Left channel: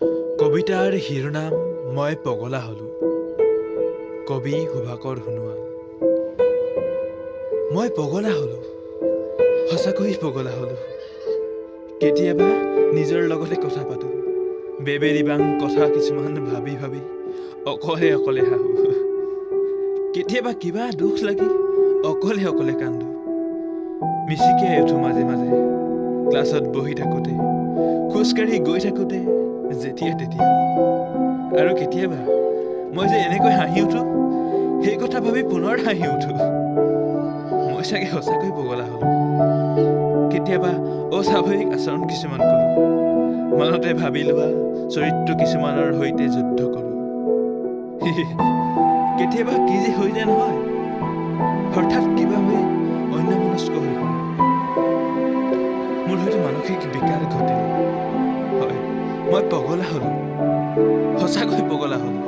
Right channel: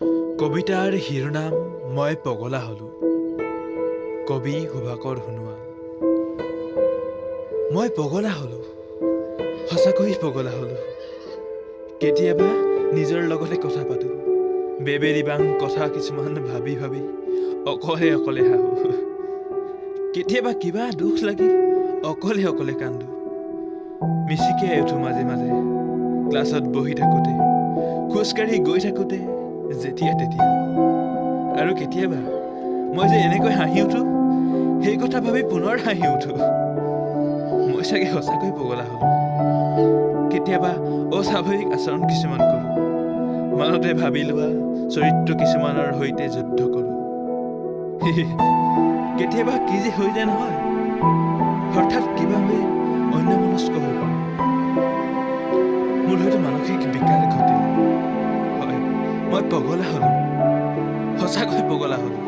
কবিতাৰ শিৰোনাম মই পগলা হলো। কবি সুভাকৰ সোণোৱাল। মই পগলা হলো, সঁচাকৈ পগলা হলো। কেতিয়াবা নিজৰ লগতে কথা পাতো, বেবেৰিবাং কথা কিছুমান ভাবি ভাবি অকলে অকলে হাঁহো। কেতিয়াবা কিবা দুখ লাগি অকলে অকলে কান্দো। মিচিকিয়াই উঠো মাজে মাজে ক্লাছত বহি থাকোঁতে, খোজকাঢ়ি গৈ থাকোঁতে, যেতিয়া তেতিয়া। আৰু কেতিয়াবা মই যে এনেকৈ হাঁহি উঠো, সেই কথা ভাবি পুনৰ হাঁহি উঠো। মই চাগে সঁচাকৈ পগলা হলো। কেতিয়াবা অস্বাভাৱিক আচৰণ কিছুমান কৰোঁ, মনতে ভাবি লোৱা চৰিত্ৰ কিছুমানৰ সৈতে যুদ্ধ কৰোঁ। কেতিয়াবা কি যে হৈ যায় নহয়, হঠাৎ কিবা হৈ অন্যমনস্ক হৈ পৰে। মোৰ হয়তো মানসিক বিকাৰ ঘটিল। হয়, মই পগলা হলো, সঁচাকৈ পগলা হলো।